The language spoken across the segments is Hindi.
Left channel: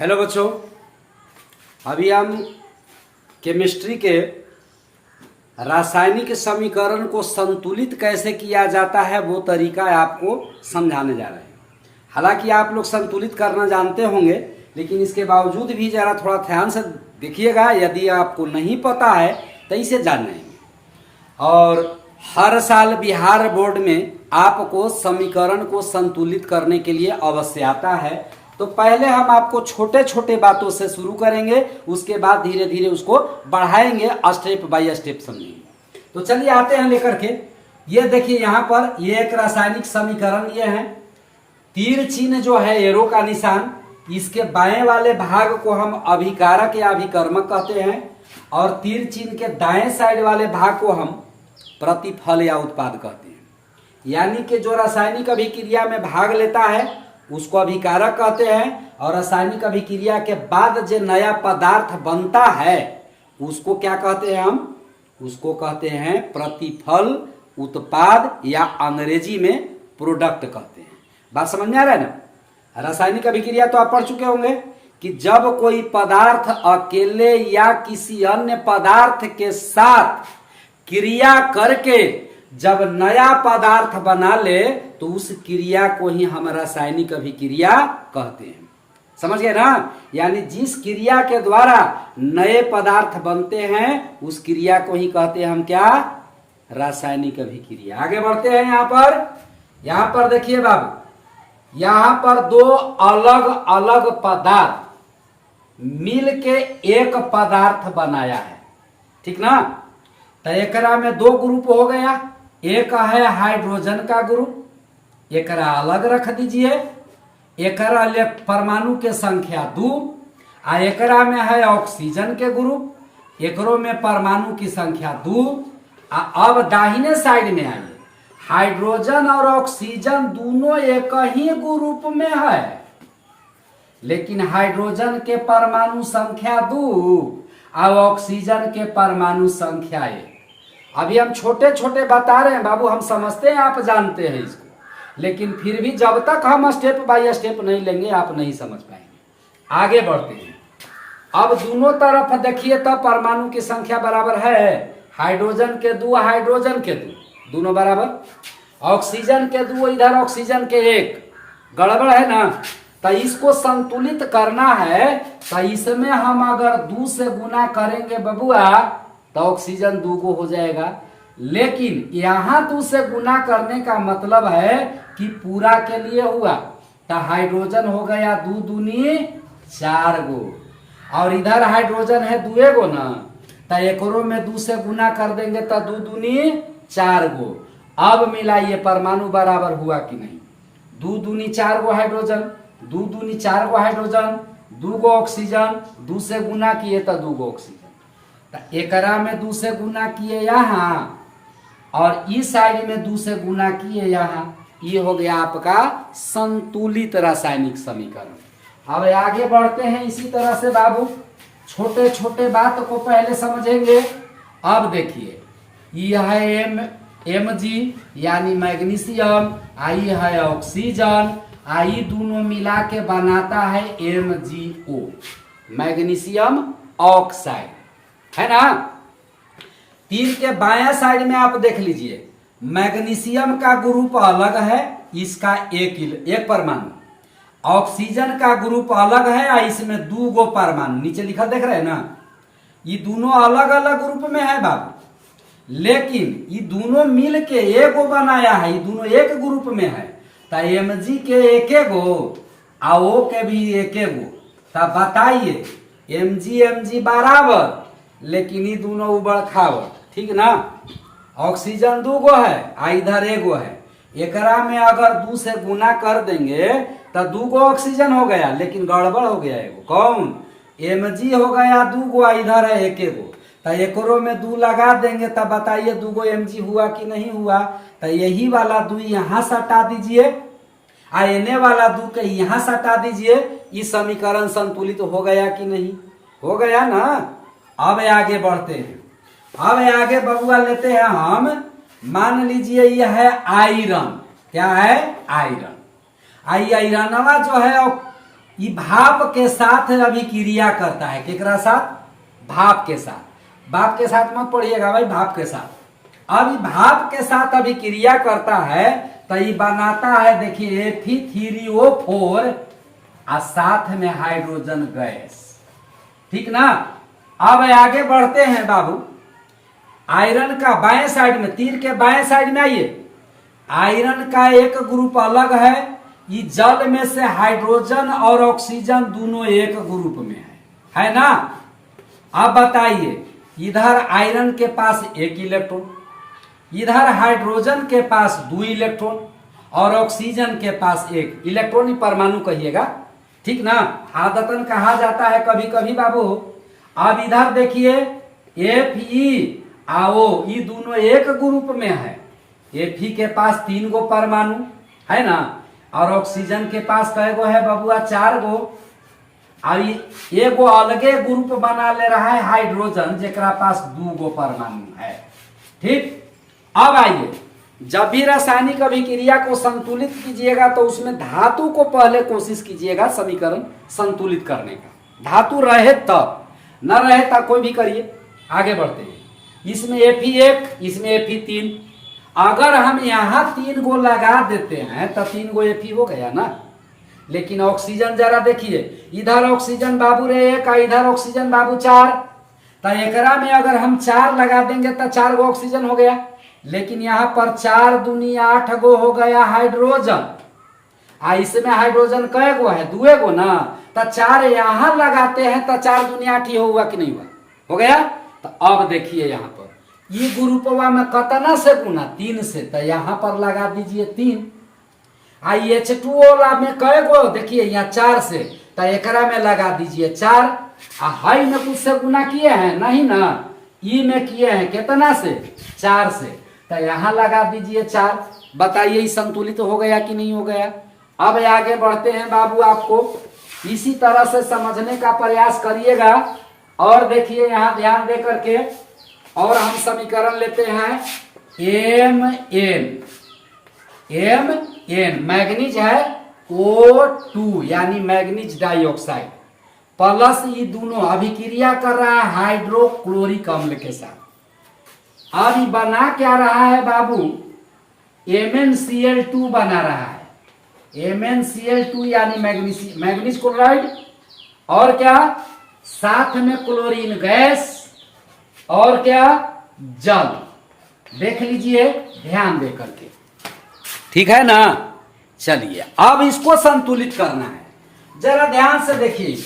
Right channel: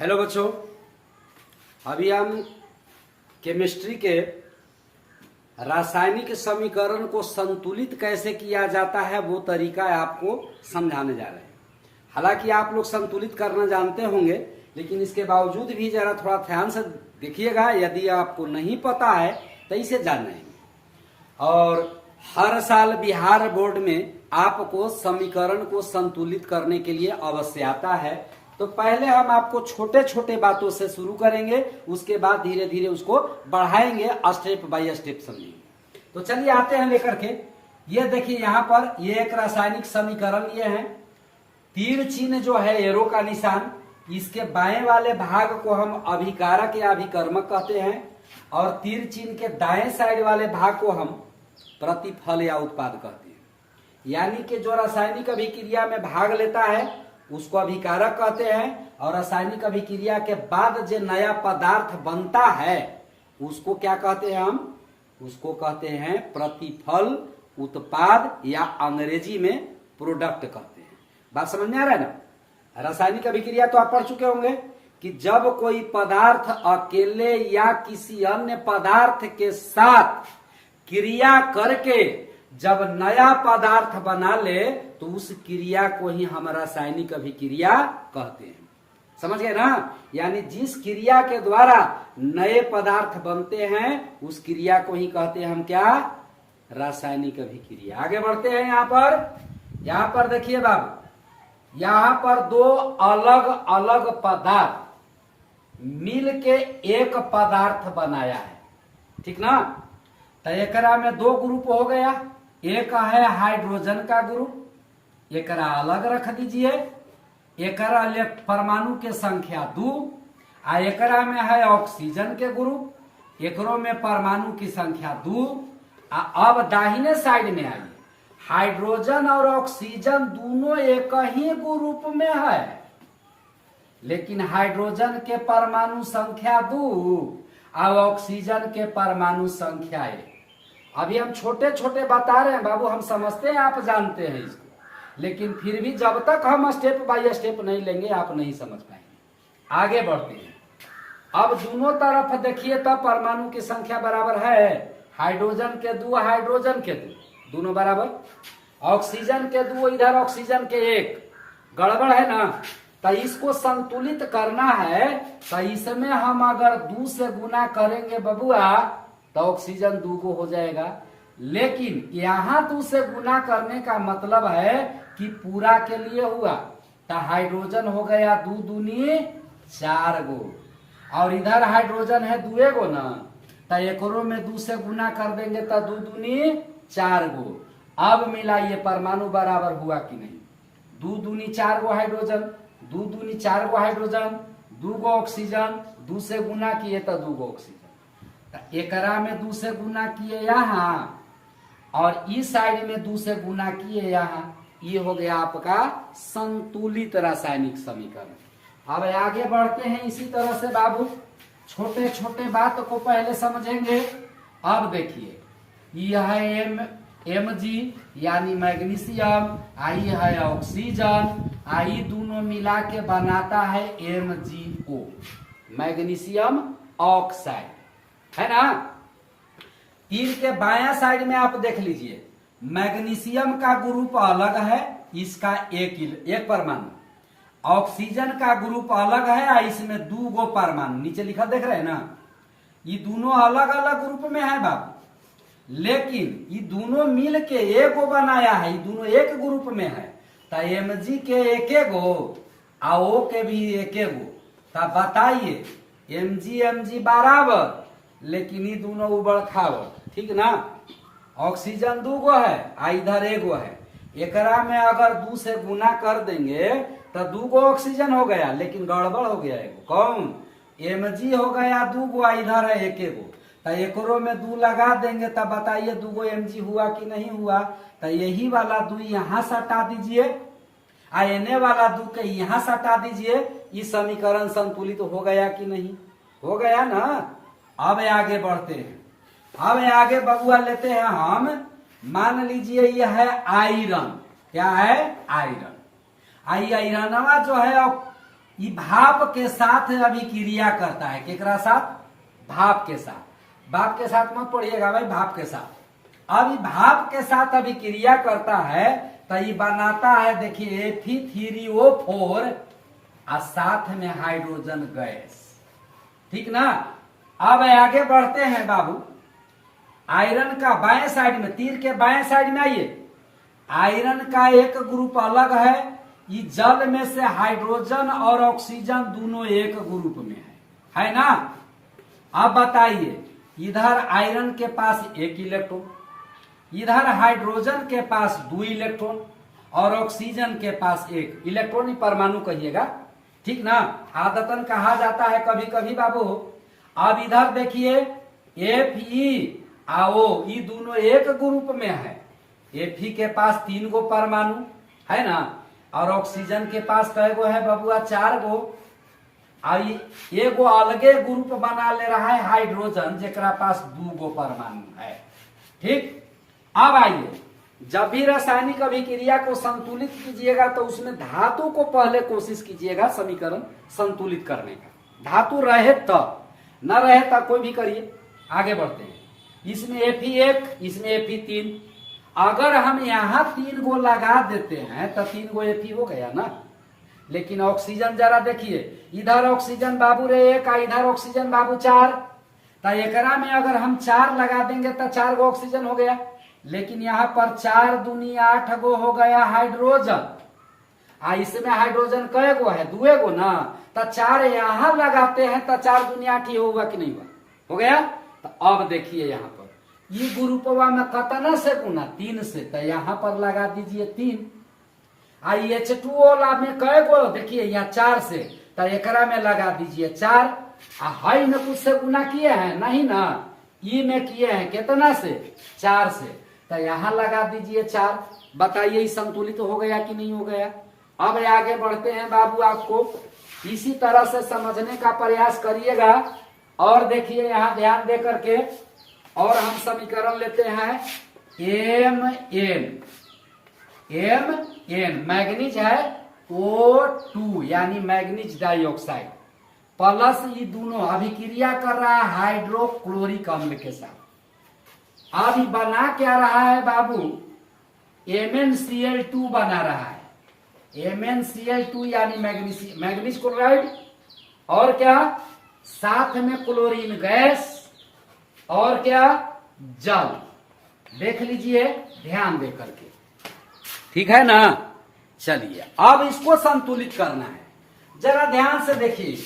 हेलो बच्चों, अभी हम केमिस्ट्री के रासायनिक समीकरण को संतुलित कैसे किया जाता है वो तरीका आपको समझाने जा रहे हैं। हालांकि आप लोग संतुलित करना जानते होंगे, लेकिन इसके बावजूद भी जरा थोड़ा ध्यान से देखिएगा। यदि आपको नहीं पता है तो इसे जान लेंगे। और हर साल बिहार बोर्ड में आपको समीकरण को संतुलित करने के लिए अवश्य आता है। तो पहले हम आपको छोटे छोटे बातों से शुरू करेंगे, उसके बाद धीरे धीरे उसको बढ़ाएंगे, स्टेप बाय स्टेप समझेंगे। तो चलिए आते हैं लेकर के। ये देखिए यहाँ पर ये एक रासायनिक समीकरण ये है। तीर चिन्ह जो है एरो का निशान, इसके बाएं वाले भाग को हम अभिकारक या अभिकर्मक कहते हैं, और तीर चिन्ह के दाएं साइड वाले भाग को हम प्रतिफल या उत्पाद कहते हैं। यानी कि जो रासायनिक अभिक्रिया में भाग लेता है उसको अभिकारक कहते हैं, और रासायनिक अभिक्रिया के बाद जो नया पदार्थ बनता है उसको क्या कहते हैं? हम उसको कहते हैं प्रतिफल, उत्पाद, या अंग्रेजी में प्रोडक्ट कहते हैं। बात समझ में आ रहा है ना? रासायनिक अभिक्रिया तो आप पढ़ चुके होंगे कि जब कोई पदार्थ अकेले या किसी अन्य पदार्थ के साथ क्रिया करके जब नया पदार्थ बना ले तो उस क्रिया को ही हम रासायनिक अभिक्रिया कहते हैं। समझ गए ना? यानी जिस क्रिया के द्वारा नए पदार्थ बनते हैं उस क्रिया को ही कहते हैं हम क्या? रासायनिक अभिक्रिया। आगे बढ़ते हैं। यहां पर देखिए बाबू, यहां पर दो अलग अलग पदार्थ मिल के एक पदार्थ बनाया है, ठीक ना? तो एकरा में दो ग्रुप हो गया। एक है हाइड्रोजन का ग्रुप, एकरा अलग रख दीजिए। एकरा ले परमाणु के संख्या 2, और एकरा में है ऑक्सीजन के ग्रुप, एकरो में परमाणु की संख्या 2। अब दाहिने साइड में आइए, हाइड्रोजन और ऑक्सीजन दोनों एक ही ग्रुप में है, लेकिन हाइड्रोजन के परमाणु संख्या 2 और ऑक्सीजन के परमाणु संख्या 1। अभी हम छोटे छोटे बता रहे हैं बाबू, हम समझते हैं, आप जानते हैं इसको, लेकिन फिर भी जब तक हम स्टेप बाय स्टेप नहीं लेंगे आप नहीं समझ पाएंगे। आगे बढ़ते हैं। अब दोनों तरफ देखिए, तब परमाणु की संख्या बराबर है हाइड्रोजन के 2, हाइड्रोजन के 2 दोनों बराबर, ऑक्सीजन के 2 इधर ऑक्सीजन के 1। गड़बड़ है ना? तो इसको संतुलित करना है तो इसमें हम अगर 2 से गुना करेंगे बबुआ तो ऑक्सीजन 2 को हो जाएगा, लेकिन यहां 2 से गुना करने का मतलब है कि पूरा के लिए हुआ, तो हाइड्रोजन हो गया 2 दूनी 4 गो, और इधर हाइड्रोजन है 2 गो ना, तो एकरो में 2 से गुना कर देंगे तो 2 दूनी 4 गो। अब मिलाइए परमाणु बराबर हुआ कि नहीं? 2 दूनी 4 गो हाइड्रोजन, 2 दूनी 4 गो हाइड्रोजन, 2 गो ऑक्सीजन, 2 से गुना किए तो 2 गो ऑक्सीजन। तो एकरा में 2 से गुना किए यहाँ, और इस साइड में 2 से गुना किए यहाँ। ये हो गया आपका संतुलित रासायनिक समीकरण। अब आगे बढ़ते हैं इसी तरह से बाबू, छोटे छोटे बात को पहले समझेंगे। अब देखिए, यह है Mg यानी मैग्नीशियम, आई है ऑक्सीजन, आई दोनों मिला के बनाता है MgO, मैग्नीशियम ऑक्साइड, है ना? तीर के बायां साइड में आप देख लीजिए, मैग्नीशियम का ग्रुप अलग है, इसका एक परमाणु, ऑक्सीजन का ग्रुप अलग है और इसमें 2 गो परमाणु, नीचे लिखा देख रहे हैं ना? ये दोनों अलग अलग ग्रुप में है बाबू, लेकिन ये दोनों मिल के एक गो बनाया है, ये दोनों एक ग्रुप में है। तो Mg के एक गो और O के भी एक गो, तो बताइए Mg बराबर, लेकिन ये दोनों उबड़ खाबड़, ठीक ना? ऑक्सीजन 2 गो है और इधर 1 गो है, एकरा में अगर 2 से गुना कर देंगे तो 2 गो ऑक्सीजन हो गया, लेकिन गड़बड़ हो गया एगो। कौन? Mg हो गया 2 गो, इधर है 1 गो, तो एकरो में 2 लगा देंगे तब बताइए 2 गो Mg हुआ कि नहीं हुआ? तो यही वाला 2 यहाँ सटा दीजिए, एने वाला 2 के यहाँ सटा दीजिए। इस समीकरण संतुलित हो गया कि नहीं? हो गया ना? अब आगे बढ़ते हैं। अब आगे बबुआ लेते हैं हम, मान लीजिए यह है आयरन। क्या है? आयरन। आयरनवा जो है ये भाप के साथ अभिक्रिया करता है। केकरा साथ? भाप के साथ। भाप के साथ मत पढ़िएगा भाई, भाप के साथ। अब भाप के साथ अभिक्रिया करता है तो ये बनाता है, देखिए Fe3O4 और साथ में हाइड्रोजन गैस। ठीक ना। अब आगे बढ़ते हैं बाबू। आयरन का बाएं साइड में, तीर के बाएं साइड में आइए। आयरन का एक ग्रुप अलग है, ये जल में से हाइड्रोजन और ऑक्सीजन दोनों एक ग्रुप में है ना। अब बताइए, इधर आयरन के पास एक इलेक्ट्रॉन, इधर हाइड्रोजन के पास 2 इलेक्ट्रॉन और ऑक्सीजन के पास 1 इलेक्ट्रॉन। ही परमाणु कहिएगा, ठीक ना। आदतन कहा जाता है कभी कभी बाबू। अब इधर देखिए Fe आओ, ये दोनों एक ग्रुप में है। Fe के पास 3 गो परमाणु है ना, और ऑक्सीजन के पास कै गो है बबुआ? 4 गो। अब एगो अलगे ग्रुप बना ले रहा है हाइड्रोजन, जेकरा पास 2 गो परमाणु है। ठीक। अब आइए, जब भी रासायनिक अभिक्रिया को संतुलित कीजिएगा तो उसमें धातु को पहले कोशिश कीजिएगा समीकरण संतुलित करने का। धातु रहे तब, न रहे तब कोई भी करिए। आगे बढ़ते हैं। इसमें Fe1, इसमें Fe3। अगर हम यहाँ 3 गो लगा देते हैं तो 3 गो Fe हो गया ना। लेकिन ऑक्सीजन जरा देखिए, इधर ऑक्सीजन बाबू रे 1 और इधर ऑक्सीजन बाबू 4, तो एकरा में अगर हम 4 लगा देंगे तो 4 गो ऑक्सीजन हो गया। लेकिन यहाँ पर 4 दूनी 8 गो हो गया हाइड्रोजन। इसमें हाइड्रोजन कै गो है? 2 गो ना। तो 4 यहाँ लगाते हैं तो 4 दूनी 8 ही हुआ कि नहीं हुआ? हो गया। तो अब देखिए यहाँ पर ये ग्रुपवा में कितना से गुना? 3 से। तो यहाँ पर लगा दीजिए 3। H2O में कै गो? देखिए यहाँ 4 से, तो एकरा में लगा दीजिए 4। हाई में कुछ से गुना किए हैं? नहीं ना। ई में किए हैं कितना से? 4 से। तो यहाँ लगा दीजिए 4। बताइए संतुलित हो गया कि नहीं हो गया? अब आगे बढ़ते हैं बाबू, आपको इसी तरह से समझने का प्रयास करिएगा। और देखिए यहाँ ध्यान दे करके, और हम समीकरण लेते हैं Mn मैग्नीज है O2 यानी मैग्नीज डाइऑक्साइड, प्लस ये दोनों अभिक्रिया कर रहा है हाइड्रोक्लोरिक अम्ल के साथ। अब ये बना क्या रहा है बाबू? MnCl2 बना रहा है। MnCl2 यानी मैग्नीज क्लोराइड, और क्या साथ में क्लोरीन गैस, और क्या जल। देख लीजिए ध्यान दे करके, ठीक है ना। चलिए अब इसको संतुलित करना है, जरा ध्यान से देखिए।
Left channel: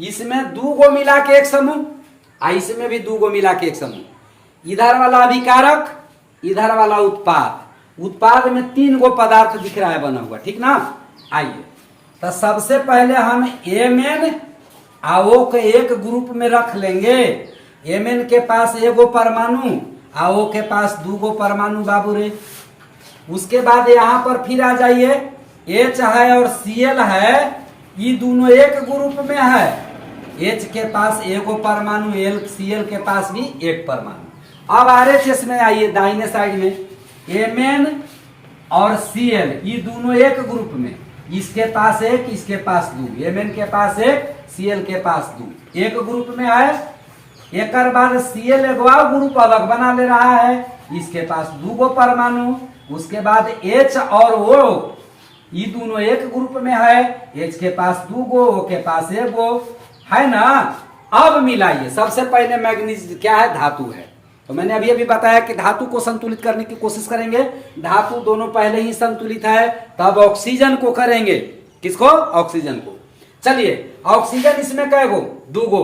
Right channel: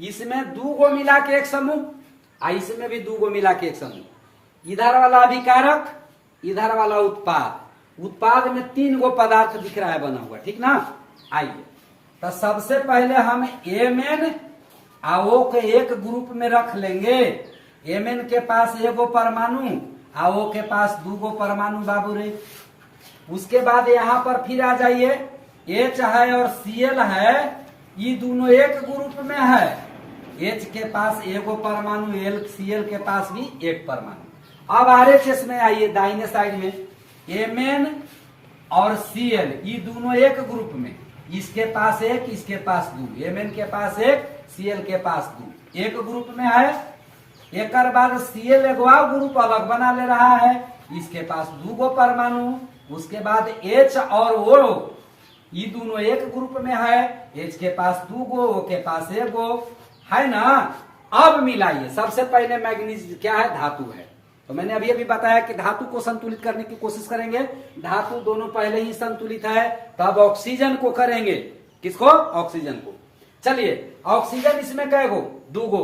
इसमें 2 गो मिला के एक समूह, इसमें भी 2 गो मिला के एक समूह। इधर वाला अभिकारक, इधर वाला उत्पाद। उत्पाद में 3 गो पदार्थ दिख रहा है बना हुआ, ठीक ना। आइए, तो सबसे पहले हम Mn आओ के एक ग्रुप में रख लेंगे। Mn के पास 1 गो परमाणु, आओ के पास 2 गो परमाणु बाबू रे। उसके बाद यहाँ पर फिर आ जाइए, H है और Cl है, ये दोनों एक ग्रुप में है। H के पास 1 गो परमाणु, Cl के पास भी 1 परमाणु। अब RHS में आइए, दाहिने साइड में Mn और Cl ये दोनों एक ग्रुप में, इसके पास 1, इसके पास 2। Mn के पास 1, Cl के पास 2, एक ग्रुप में है। एक बाद Cl एगो ग्रुप अलग बना ले रहा है, इसके पास 2 गो परमाणु। उसके बाद H और O ये दोनों एक ग्रुप में है, H के पास 2 गो, O के पास 1 गो, है ना। अब मिलाइए, सबसे पहले मैग्नीज क्या है? धातु है। तो मैंने अभी बताया कि धातु को संतुलित करने की कोशिश करेंगे। धातु दोनों पहले ही संतुलित है, तब ऑक्सीजन को करेंगे। किसको? ऑक्सीजन को। चलिए, ऑक्सीजन इसमें कै गो? 2 गो।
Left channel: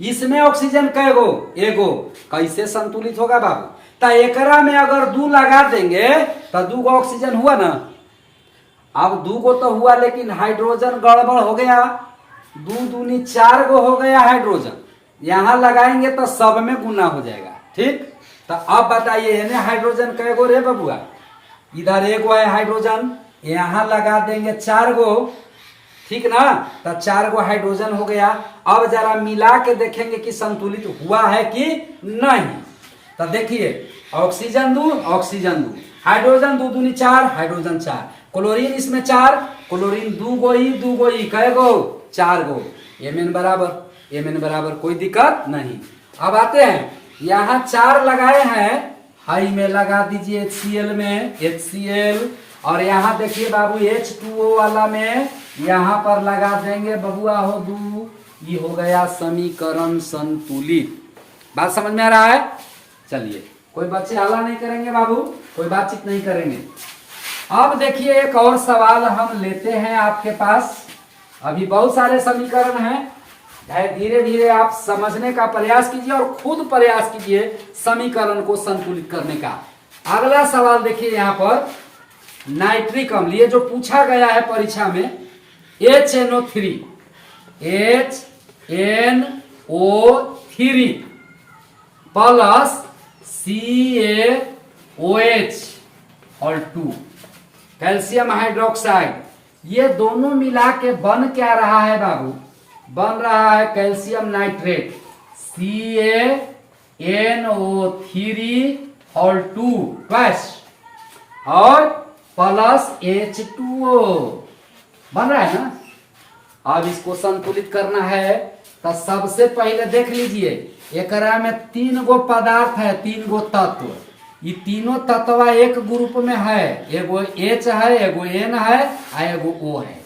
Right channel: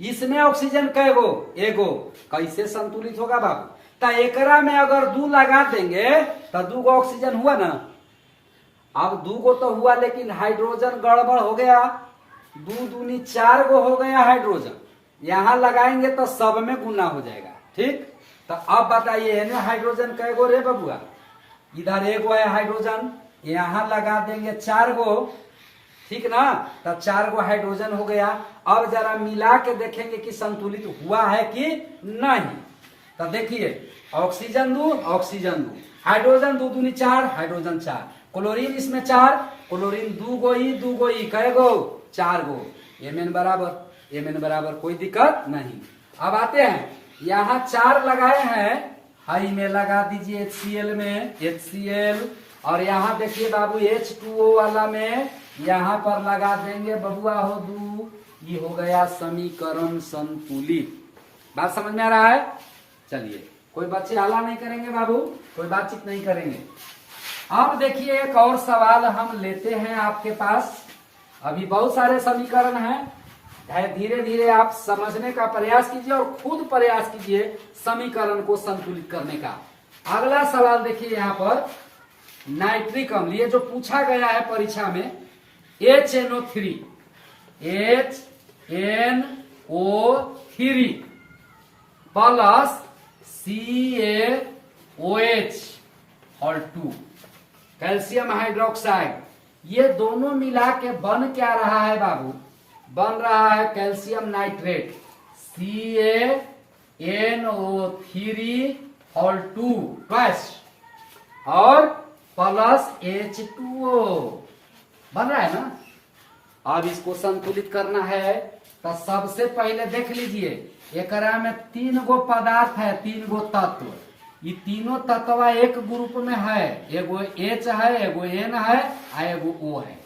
इसमें ऑक्सीजन कै गो? 1 गो। कैसे संतुलित होगा बाबू? तो एकरा में अगर 2 लगा देंगे तो 2 गो ऑक्सीजन हुआ ना। अब 2 गो तो हुआ, लेकिन हाइड्रोजन गड़बड़ हो गया। 2 दूनी 4 गो हो गया हाइड्रोजन। यहां लगाएंगे तो सब में गुना हो जाएगा, ठीक। तो अब बताइए हाइड्रोजन कै गो रे बबुआ? इधर 1 गो है हाइड्रोजन, यहां लगा देंगे 4 गो, ठीक ना। तो 4 गो हाइड्रोजन हो गया। अब जरा मिला के देखेंगे कि संतुलित हुआ है कि नहीं। तो देखिए, ऑक्सीजन 2, ऑक्सीजन 2, हाइड्रोजन दो दूनी चार, हाइड्रोजन चार। क्लोरीन इसमें चार, क्लोरीन दू गो ई कै गो, चार गो। Mn बराबर कोई दिक्कत नहीं। अब आते हैं, यहाँ चार लगाए हैं, हाई में लगा दीजिए HCl में, HCl। और यहाँ देखिए बाबू H2O वाला में यहाँ पर लगा देंगे बबुआ हो दू, ये हो गया समीकरण संतुलित। बात समझ में आ रहा है? चलिए, कोई बच्चे हल्ला नहीं करेंगे बाबू, कोई बातचीत नहीं करेंगे। अब देखिए एक और सवाल हम लेते हैं आपके पास। अभी बहुत सारे समीकरण हैं, धीरे धीरे आप समझने का प्रयास कीजिए और खुद प्रयास कीजिए समीकरण को संतुलित करने का। अगला सवाल देखिए यहाँ पर, नाइट्रिक अम्ल, ये जो पूछा गया है परीक्षा में, HNO3 प्लस CaOH और 2 कैल्शियम हाइड्रोक्साइड, ये दोनों मिला के बन क्या रहा है बाबू? बन रहा है कैल्शियम नाइट्रेट, CaNO3 और 2 और प्लस H2O बन रहा है ना। अब इसको संतुलित करना है तो सबसे पहले देख लीजिए, एकरा में 3 गो पदार्थ है, 3 गो तत्व। ये तीनों तत्व एक ग्रुप में है, एगो H है, एगो N है और एगो O है।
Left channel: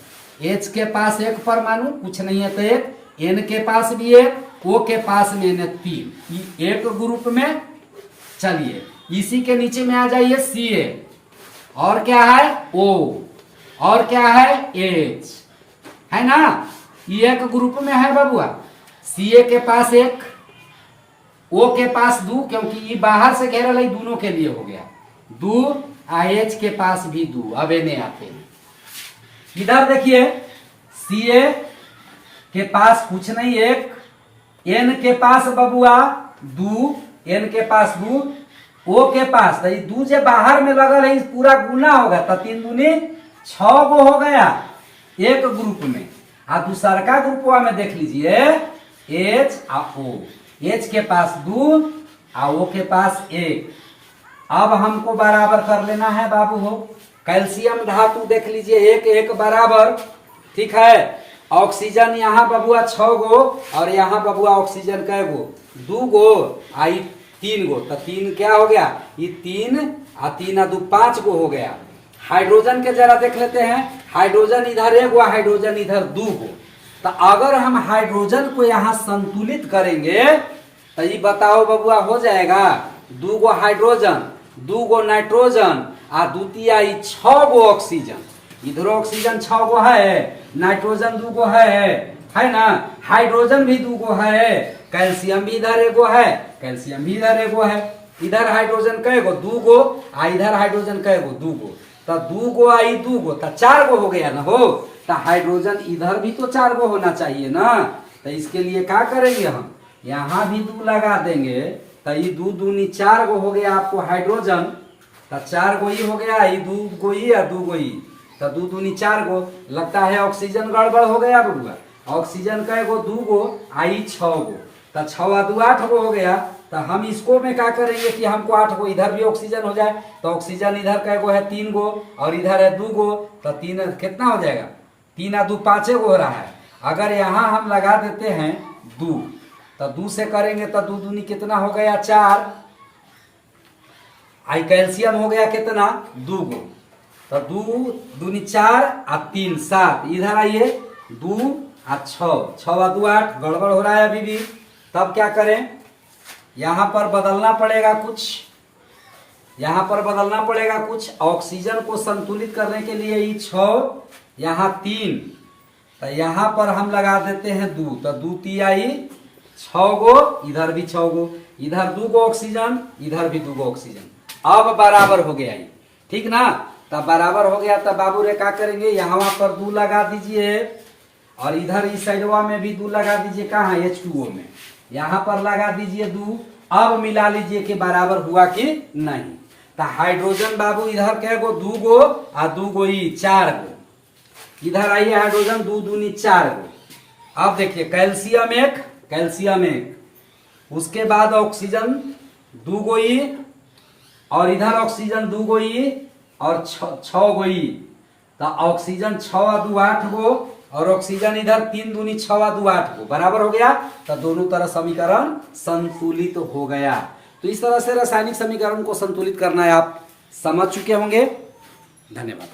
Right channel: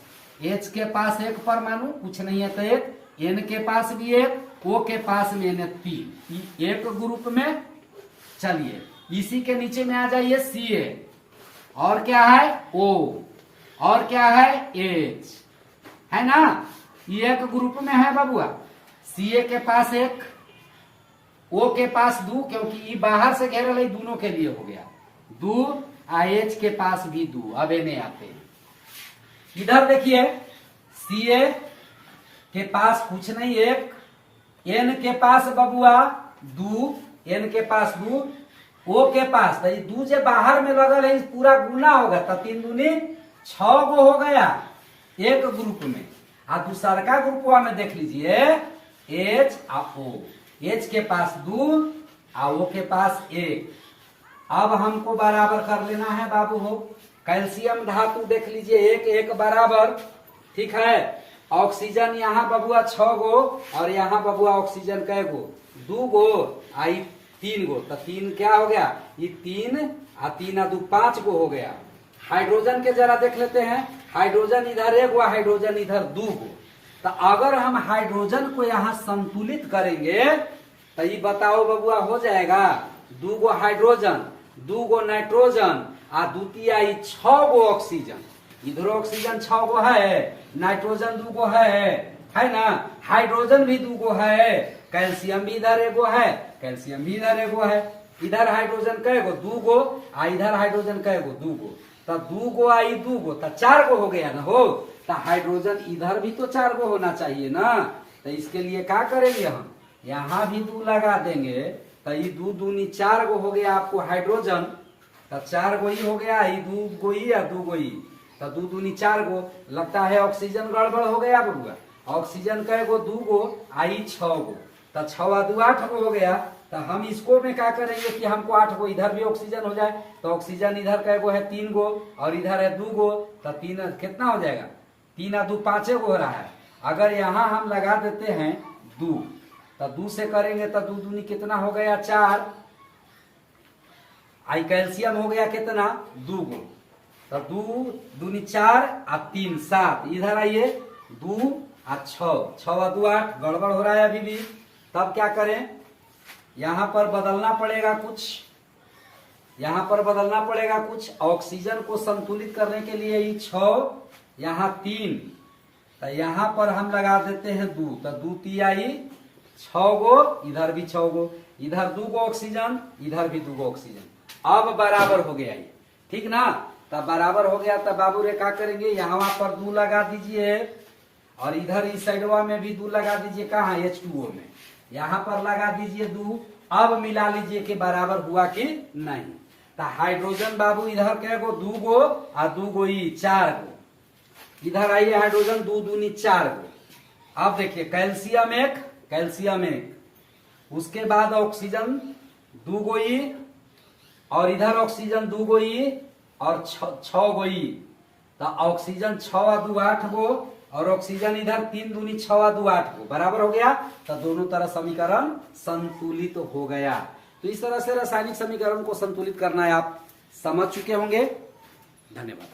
H के पास एक परमाणु, कुछ नहीं है तो एक, N के पास भी एक, O के पास में तीन, एक ग्रुप में। चलिए इसी के नीचे में आ जाइए Ca, और क्या है O, और क्या है H, है ना। ये एक ग्रुप में है बबुआ। Ca के पास एक, O के पास दो, क्योंकि ये बाहर से घेरल है, दोनों के लिए हो गया दो, H के पास भी दो। अब इन्हें आते इधर देखिए, Ca के पास कुछ नहीं एक, N के पास बबुआ दो, N के पास दो, O के पास तो दो जो बाहर में लगल है पूरा गुना होगा तो 3 दूनी 6 गो हो गया एक ग्रुप में। आ दूसरा का ग्रुपवा में देख लीजिए H और O, H के पास 2 और O के पास 1। अब हमको बराबर कर लेना है बाबू हो। कैल्शियम धातु देख लीजिए, एक एक बराबर, ठीक है। ऑक्सीजन यहाँ बबुआ 6 गो और यहाँ बबुआ ऑक्सीजन कै गो, 2 गो आई 3 गो, तो 3 क्या हो गया, ये 3 और 3 और 2 5 गो हो गया। हाइड्रोजन के जरा देख लेते हैं, हाइड्रोजन इधर 1 गो, हाइड्रोजन इधर 2 गो। तो अगर हम हाइड्रोजन को यहाँ संतुलित करेंगे तो ये बताओ बबुआ हो जाएगा 2 गो हाइड्रोजन, 2 गो नाइट्रोजन और द्वितीय 6 गो ऑक्सीजन। इधर ऑक्सीजन 6 गो है, नाइट्रोजन 2 गो है ना, हाइड्रोजन भी 2 गो है, कैल्शियम भी इधर 1 गो है, कैल्शियम भी इधर 1 गो है। इधर हाइड्रोजन कै गो, 2 गो, आ इधर हाइड्रोजन कै गो, 2 गो, तो 2 गो आई 2 गो तो 4 गो हो गया ना हो। तो हाइड्रोजन इधर भी तो 4 गो होना चाहिए ना। तो इसके लिए क्या करेंगे हम, यहाँ भी 2 लगा देंगे तो ये 2 दूनी 4 गो हो गया आपको हाइड्रोजन, तो 4 गो ही हो गया, ये 2 गो ही या 2 गो ही, तो 2 दूनी 4 गो। लगता है ऑक्सीजन गड़बड़ हो गया बबुआ, ऑक्सीजन कै गो, 2 गो आई 6 गो, तो 6 और 2 8 गो हो गया। तो हम इसको में क्या करेंगे कि हमको 8 गो, इधर भी ऑक्सीजन हो जाए, तो ऑक्सीजन इधर कै गो है 3 गो और इधर है 2 गो, तो 3 कितना हो जाएगा, 3 और 2 5 गो हो रहा है। अगर यहाँ हम लगा देते हैं 2, तो 2 से करेंगे तो 2 दूनी कितना हो गया 4, आई कैल्शियम हो गया कितना 2 गो, तो 2 दूनी 4 और 3 7, इधर आइए 2 और 6, 6 और 2 8, गड़बड़ हो रहा है अभी भी। तब क्या करें, यहाँ पर बदलना पड़ेगा कुछ, यहाँ पर बदलना पड़ेगा कुछ। ऑक्सीजन को संतुलित करने के लिए ये 6, यहाँ 3, तो यहाँ पर हम लगा देते हैं 2, तो 2 तिहाई 6 गो, इधर भी 6 गो, इधर 2 गो ऑक्सीजन, इधर भी 2 गो ऑक्सीजन। अब बराबर हो गया ये, ठीक ना। तब बराबर हो गया, तब बाबू रे क्या करेंगे, यहाँ पर 2 लगा दीजिए और इधर इस साइडवा में भी 2 लगा दीजिए, कहाँ H2O में, यहाँ पर लगा दीजिए 2। अब मिला लीजिए कि बराबर हुआ कि नहीं। तो हाइड्रोजन बाबू इधर क्या गो, 2 गो और 2 गो ही 4 गो, इधर आइए हाइड्रोजन 2 दूनी 4 गो। अब देखिए कैल्शियम 1, कैल्शियम 1, उसके बाद ऑक्सीजन 2 गो ही और इधर ऑक्सीजन 2 गो ई और 6 गो ई, तो ऑक्सीजन 6 2 8 गो और ऑक्सीजन इधर 3 दूनी 6 2 8 गो बराबर हो गया। तो दोनों तरह समीकरण संतुलित हो गया। तो इस तरह से रासायनिक समीकरण को संतुलित करना है, आप समझ चुके होंगे। धन्यवाद।